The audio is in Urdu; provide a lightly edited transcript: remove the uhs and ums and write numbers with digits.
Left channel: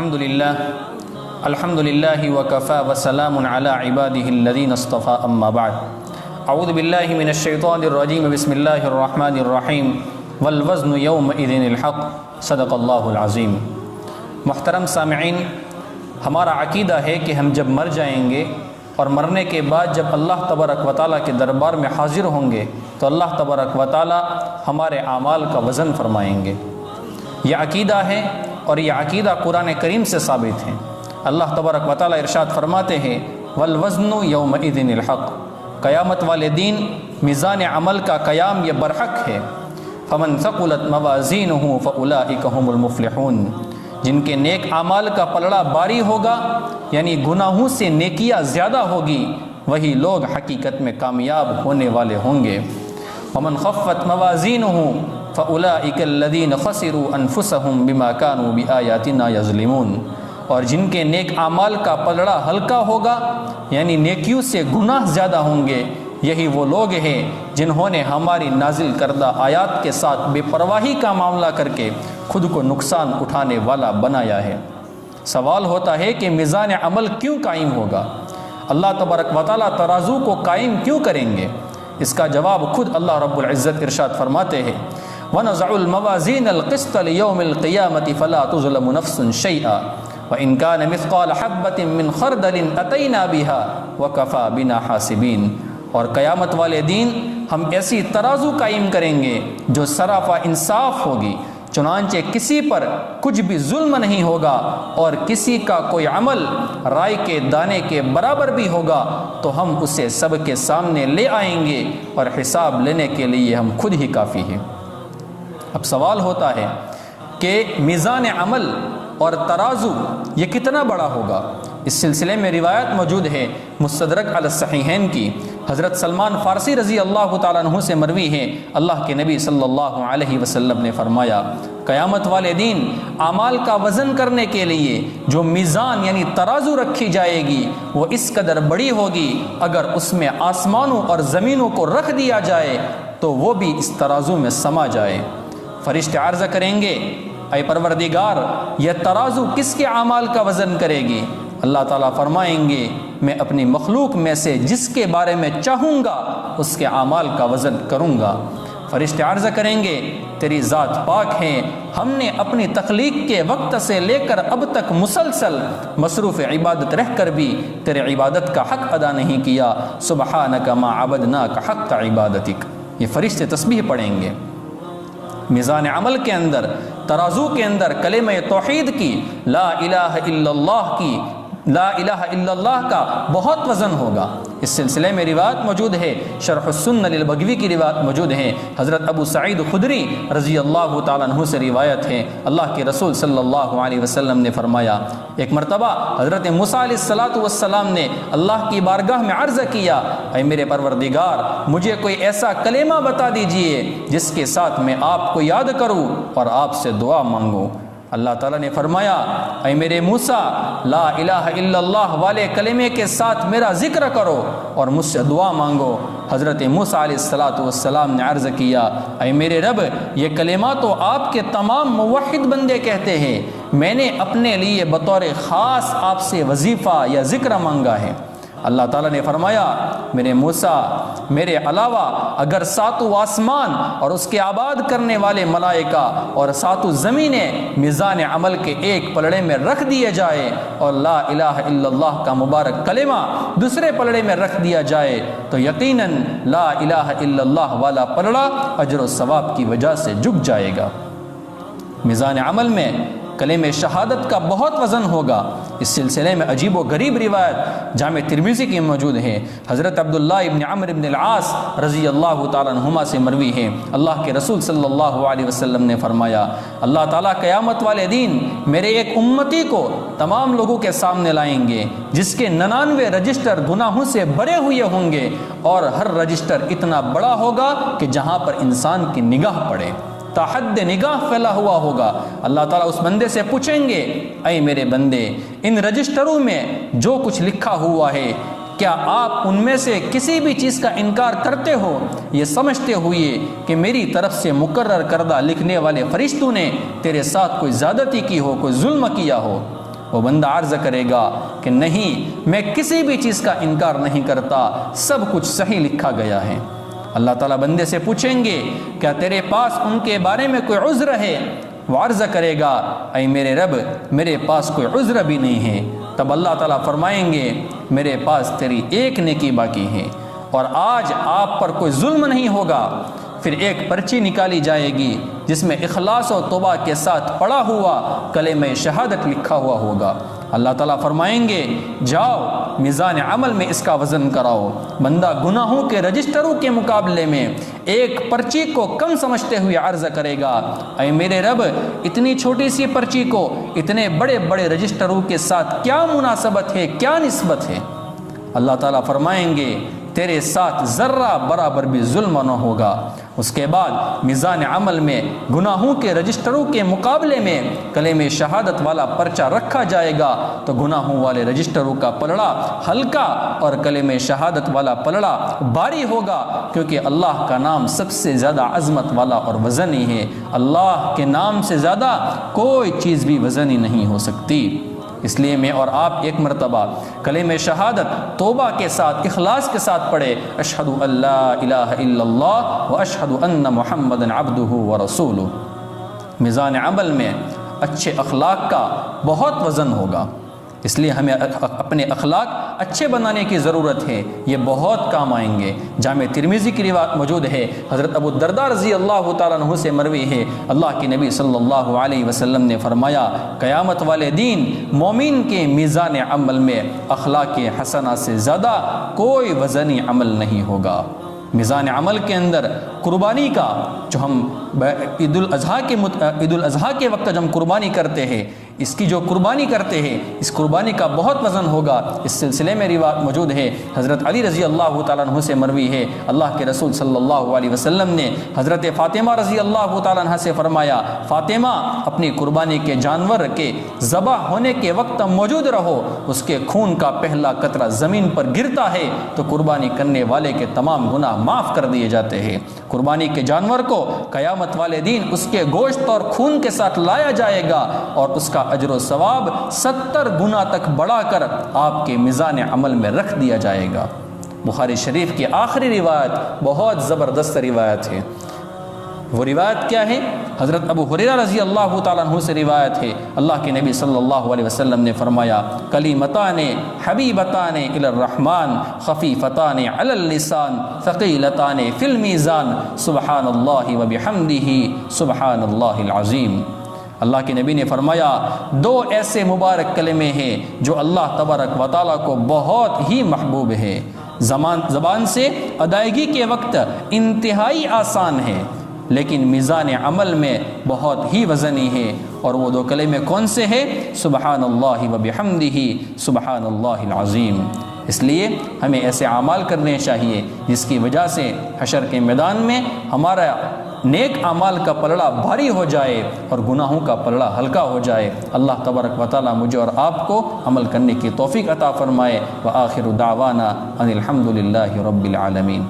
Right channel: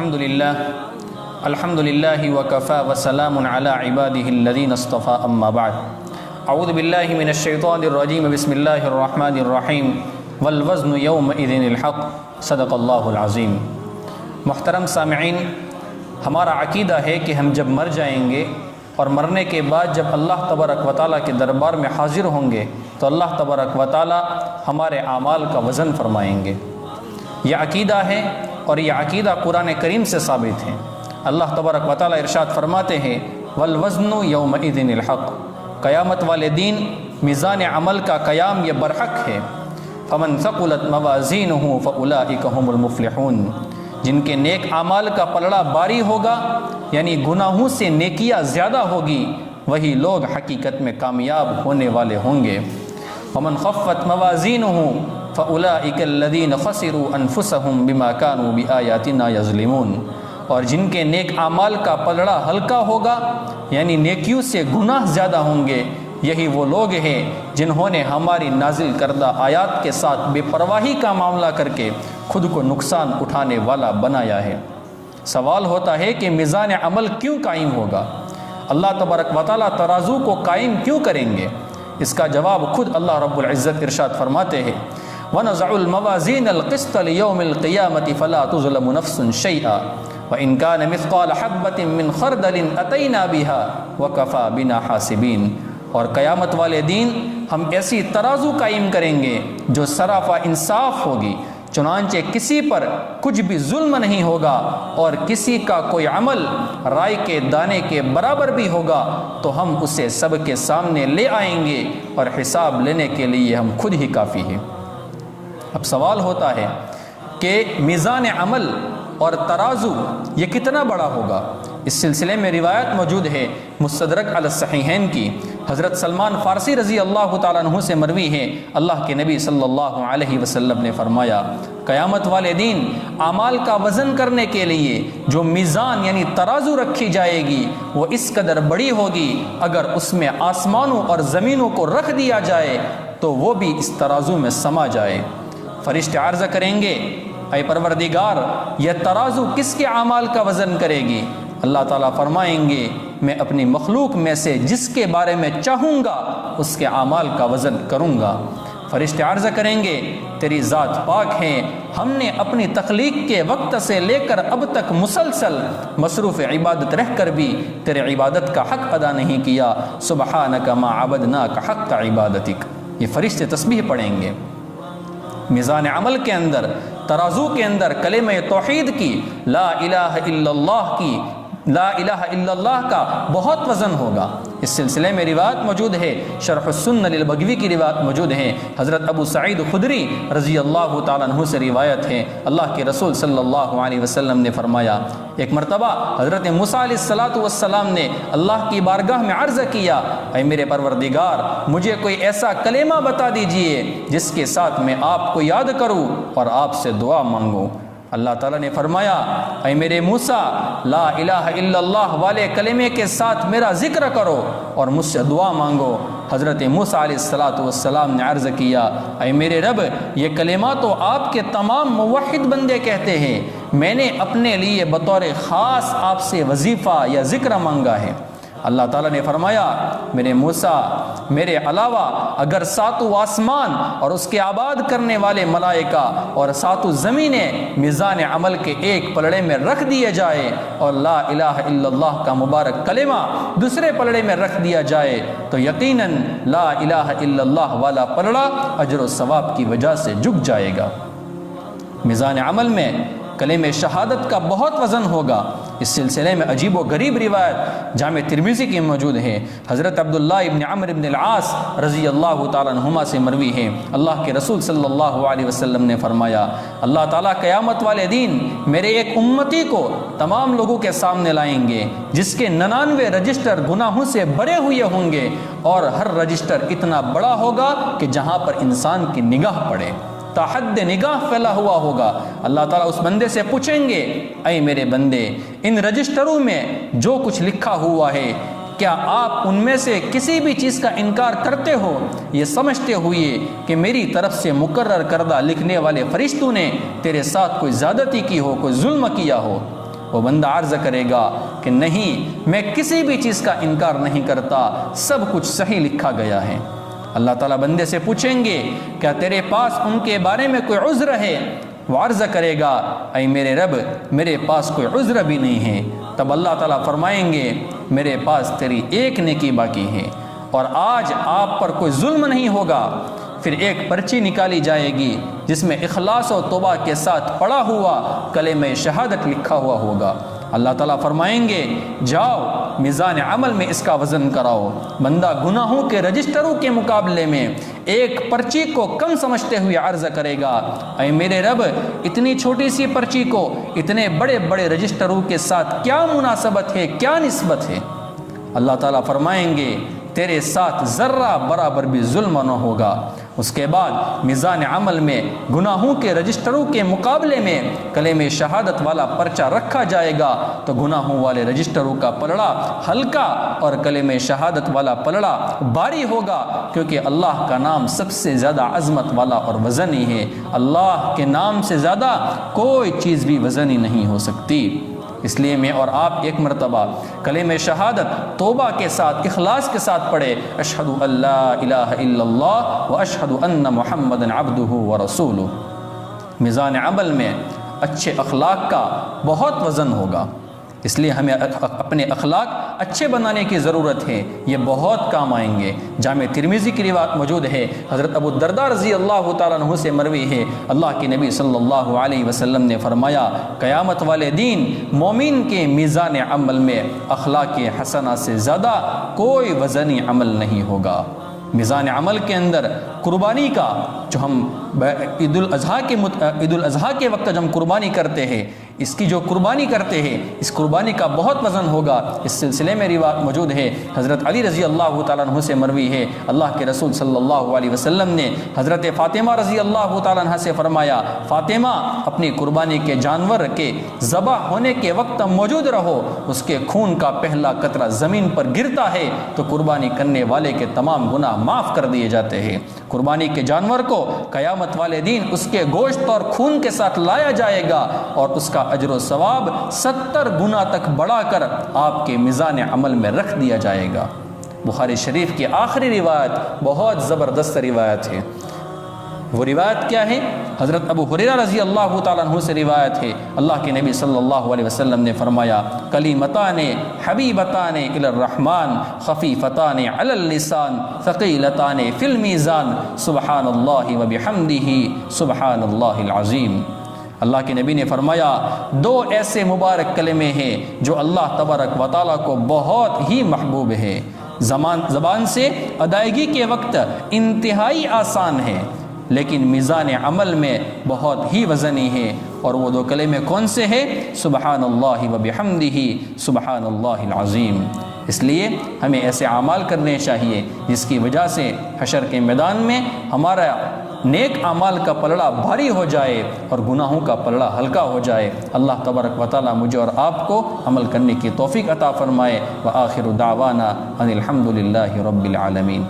الحمد للہ وکفى وسلام علی عباده الذین اصطفى اما بعد اعوذ باللہ من الشیطان الرجیم بسم اللہ الرحمن الرحیم والوزن یومئذ الحق صدق اللہ العظیم۔ محترم سامعین، ہمارا عقیدہ ہے کہ ہم جب مر جائیں گے اور مرنے کے بعد جب اللہ تبارک و تعالیٰ کے دربار میں حاضر ہوں گے تو اللہ تبارک و تعالیٰ ہمارے اعمال کا وزن فرمائیں گے۔ یہ عقیدہ ہے اور یہ عقیدہ قرآن کریم سے ثابت ہے۔ اللہ تبارک و تعالیٰ ارشاد فرماتے ہیں والوزن یومئذ الحق، قیامت والے دن میزان عمل کا قیام یہ برحق ہے۔ فمن ثقلت موازینہ فاولئک هم المفلحون، جن کے نیک اعمال کا پلڑا باری ہوگا یعنی گناہوں سے نیکیاں زیادہ ہوگی، وہی لوگ حقیقت میں کامیاب ہونے والے ہوں گے۔ ومن خفت موازینہ فاولئک الذین خسروا انفسهم بما كانوا بآیاتنا یظلمون، اور جن کے نیک اعمال کا پلڑا ہلکا ہوگا یعنی نیکیوں سے گناہ زیادہ ہوں گے، یہی وہ لوگ ہیں جنہوں نے ہماری نازل کردہ آیات کے ساتھ بے پرواہی کا معاملہ کر کے خود کو نقصان اٹھانے والا بنایا ہے۔ سوال ہوتا ہے کہ میزان عمل کیوں قائم ہوگا؟ اللہ تبارک و تعالیٰ ترازو کو قائم کیوں کریں گے؟ اس کا جواب خود اللہ رب العزت ارشاد فرماتے ہیں وَنَضَعُ الْمَوَازِينَ الْقِسْطَ لِيَوْمِ الْقِيَامَةِ فَلَا تُظْلَمُ نَفْسٌ شَيْئًا وَإِنْ كَانَ مِثْقَالَ حَبَّةٍ مِّنْ خَرْدَلٍ أَتَيْنَا بِهَا وَكَفَى بِنَا حَاسِبِينَ، اور قیامت والے دن ہم ایسی ترازو قائم کریں گے جو سراپا انصاف ہوگی، چنانچہ کسی پر کچھ بھی ظلم نہیں ہوگا، اور کسی کا کوئی عمل رائے کے دانے کے برابر بھی ہوگا تو ہم اسے سب کے سامنے لے آئیں گے، اور حساب لینے کے لیے ہم خود ہی کافی ہیں۔ اب سوال ہوتا ہے کہ میزان عمل اور ترازو یہ کتنا بڑا ہوگا؟ اس سلسلے میں روایت موجود ہے مستدرک علی الصحیحین کی، حضرت سلمان فارسی رضی اللہ تعالیٰ عنہ سے مروی ہے، اللہ کے نبی صلی اللہ علیہ وسلم نے فرمایا قیامت والے دن اعمال کا وزن کرنے کے لیے جو میزان یعنی ترازو رکھی جائے گی وہ اس قدر بڑی ہوگی، اگر اس میں آسمانوں اور زمینوں کو رکھ دیا جائے تو وہ بھی اس ترازو میں سما جائے۔ فرشتے عرض کریں گے اے پروردگار، یہ ترازو کس کے اعمال کا وزن کرے گی؟ اللہ تعالیٰ فرمائیں گے میں اپنی مخلوق میں سے جس کے بارے میں چاہوں گا اس کے اعمال کا وزن کروں گا۔ فرشتے عرض کریں گے تیری ذات پاک ہے، ہم نے اپنی تخلیق کے وقت سے لے کر اب تک مسلسل مصروف عبادت رہ کر بھی تیرے عبادت کا حق ادا نہیں کیا، سبحانک ما عبدناک حق عبادتک۔ یہ فرشتے تسبیح پڑھیں گے۔ میزان عمل کے اندر، ترازو کے اندر کلمہ توحید کی، لا الہ الا اللہ کی، لا الہ الا اللہ کا بہت وزن ہوگا۔ اس سلسلے میں روایت موجود ہے، شرح السنن للبغوی کی روایت موجود ہے، حضرت ابو سعید خدری رضی اللہ تعالیٰ عنہ سے روایت ہے، اللہ کے رسول صلی اللہ علیہ وسلم نے فرمایا ایک مرتبہ حضرت موسیٰ علیہ السلام نے اللہ کی بارگاہ میں عرض کیا اے میرے پروردگار، مجھے کوئی ایسا کلمہ بتا دیجئے جس کے ساتھ میں آپ کو یاد کروں اور آپ سے دعا مانگوں۔ اللہ تعالیٰ نے فرمایا اے میرے موسیٰ، لا الہ الا اللہ والے کلمے کے ساتھ میرا ذکر کرو اور مجھ سے دعا مانگو۔ حضرت موسیٰ علیہ السلام نے عرض کیا اے میرے رب، یہ کلمہ تو آپ کے تمام موحد بندے کہتے ہیں، میں نے اپنے لیے بطور خاص آپ سے وظیفہ یا ذکر مانگا ہے۔ اللہ تعالیٰ نے فرمایا میرے موسیٰ، میرے علاوہ اگر ساتوں آسمان اور اس کے آباد کرنے والے ملائکہ اور ساتوں زمینیں میزان عمل کے ایک پلڑے میں رکھ دیے جائے اور لا الہ الا اللہ کا مبارک کلمہ دوسرے پلڑے میں رکھ دیا جائے تو یقیناً لا الہ الا اللہ والا پلڑا اجر و ثواب کی وجہ سے جھک جائے گا۔ میزان عمل میں کلمہ شہادت کا بہت وزن ہوگا۔ اس سلسلے میں عجیب و غریب روایت جامع ترمذی کی موجود ہے، حضرت عبداللہ ابن عمرو ابن العاص رضی اللہ تعالیٰ عنہما سے مروی ہے، اللہ کے رسول صلی اللہ علیہ وسلم نے فرمایا اللہ تعالیٰ قیامت والے دن میرے ایک امتی کو تمام لوگوں کے سامنے لائیں گے جس کے 99 رجسٹر گناہوں سے بھرے ہوئے ہوں گے، اور ہر رجسٹر اتنا بڑا ہوگا کہ جہاں پر انسان کی نگاہ پڑے، تا حد نگاہ پھیلا ہوا ہوگا۔ اللہ تعالیٰ اس بندے سے پوچھیں گے اے میرے بندے، ان رجسٹروں میں جو کچھ لکھا ہوا ہے کیا آپ ان میں سے کسی بھی چیز کا انکار کرتے ہو، یہ سمجھتے ہوئے کہ میری طرف سے مقرر کردہ لکھنے والے فرشتوں نے تیرے ساتھ کوئی زیادتی کی ہو، کوئی ظلم کیا ہو؟ وہ بندہ عرض کرے گا کہ نہیں، میں کسی بھی چیز کا انکار نہیں کرتا، سب کچھ صحیح لکھا گیا ہے۔ اللہ تعالیٰ بندے سے پوچھیں گے کیا تیرے پاس ان کے بارے میں کوئی عذر ہے؟ وہ عرض کرے گا اے میرے رب، میرے پاس کوئی عذر بھی نہیں ہے۔ تب اللہ تعالیٰ فرمائیں گے میرے پاس تیری ایک نیکی باقی ہے، اور آج آپ پر کوئی ظلم نہیں ہوگا۔ پھر ایک پرچی نکالی جائے گی جس میں اخلاص و توبہ کے ساتھ پڑا ہوا کلمہ شہادت لکھا ہوا ہوگا۔ اللہ تعالیٰ فرمائیں گے جاؤ میزان عمل میں اس کا وزن کراؤ۔ بندہ گناہوں کے رجسٹروں کے مقابلے میں ایک پرچی کو کم سمجھتے ہوئے عرض کرے گا اے میرے رب، اتنی چھوٹی سی پرچی کو اتنے بڑے بڑے رجسٹروں کے ساتھ کیا مناسبت ہے، کیا نسبت ہے؟ اللہ تعالیٰ فرمائیں گے تیرے ساتھ ذرہ برابر بھی ظلم نہ ہوگا۔ اس کے بعد میزان عمل میں گناہوں کے رجسٹروں کے مقابلے میں کلمہ شہادت والا پرچہ رکھا جائے گا تو گناہوں والے رجسٹروں کا پلڑا ہلکا اور کلمہ شہادت والا پلڑا بھاری ہوگا، کیونکہ اللہ کا نام سب سے زیادہ عظمت والا اور وزنی ہے۔ اللہ کے نام سے زیادہ کوئی چیز بھی وزنی نہیں ہو سکتی۔ اس لیے میں اور آپ ایک مرتبہ کلمہ شہادت توبہ کے ساتھ، اخلاص کے ساتھ پڑھے، اشہد ان لا الہ الا اللہ و اشہد ان محمد عبدہ ورسولہ۔ میزان عمل میں اچھے اخلاق کا بہت وزن ہوگا، اس لیے ہمیں اپنے اخلاق اچھے بنانے کی ضرورت ہے، یہ بہت کام آئیں گے۔ جامع ترمذی کی روایت موجود ہے، حضرت ابو الدرداء رضی اللہ تعالیٰ عنہ سے مروی ہے، اللہ کے نبی صلی اللہ علیہ وسلم نے فرمایا قیامت والے دن مومن کے میزان عمل میں اخلاق حسنہ سے زیادہ کوئی وزنی عمل نہیں ہوگا۔ میزان عمل کے اندر قربانی کا، جو ہم عید الاضحیٰ کے وقت جب ہم قربانی کرتے ہیں، اس کی جو قربانی کرتے ہیں، اس قربانی کا بہت وزن ہوگا۔ اس سلسلے میں روایت موجود ہے، حضرت علی رضی اللہ تعالیٰ عنہ سے مروی ہے، اللہ کے رسول صلی اللہ علیہ وسلم نے حضرت فاطمہ رضی اللہ تعالیٰ عنہ سے فرمایا فاطمہ اپنی قربانی کے جانور کے ذبح ہونے کے وقت موجود رہو، اس کے خون کا پہلا قطرہ زمین پر گرتا ہے تو قربانی کرنے والے کے تمام گناہ معاف کر دیے جاتے ہیں۔ قربانی کے جانور کو قیامت والے دن اس کے گوشت اور خون کے ساتھ لایا جائے گا اور اس کا اجر و ثواب 70 گنا تک بڑھا کر آپ کے میزان عمل میں رکھ دیا جائے گا۔ بخاری شریف کی آخری روایت بہت زبردست روایت ہے۔ وہ روایت کیا ہے؟ حضرت ابو ہریرہ رضی اللہ تعالیٰ عنہ سے روایت ہے، اللہ کے نبی صلی اللہ علیہ وسلم نے فرمایا کلیمتان حبیبتان الی الرحمن خفیفتان علی اللسان ثقیلتان فی المیزان سبحان اللہ وبحمدہ سبحان اللہ العظیم۔ اللہ کے نبی نے فرمایا دو ایسے مبارک کلمے ہیں جو اللہ تبارک و تعالیٰ کو بہت ہی محبوب ہے، زبان سے ادائیگی کے وقت انتہائی آسان ہے لیکن میزان عمل میں بہت ہی وزنی ہے، اور وہ دو کلمے کون سے ہیں؟ سبحان اللہ وبحمدہ سبحان اللہ العظیم۔ اس لیے ہمیں ایسے اعمال کرنے چاہیے جس کی وجہ سے حشر کے میدان میں ہمارا نیک اعمال کا پلڑا بھاری ہو جائے اور گناہوں کا پلڑا ہلکا ہو جائے۔ اللہ تبارک و تعالیٰ مجھے اور آپ کو عمل کرنے کی توفیق عطا فرمائے۔ وآخر دعوانا ان الحمد للہ رب العالمین۔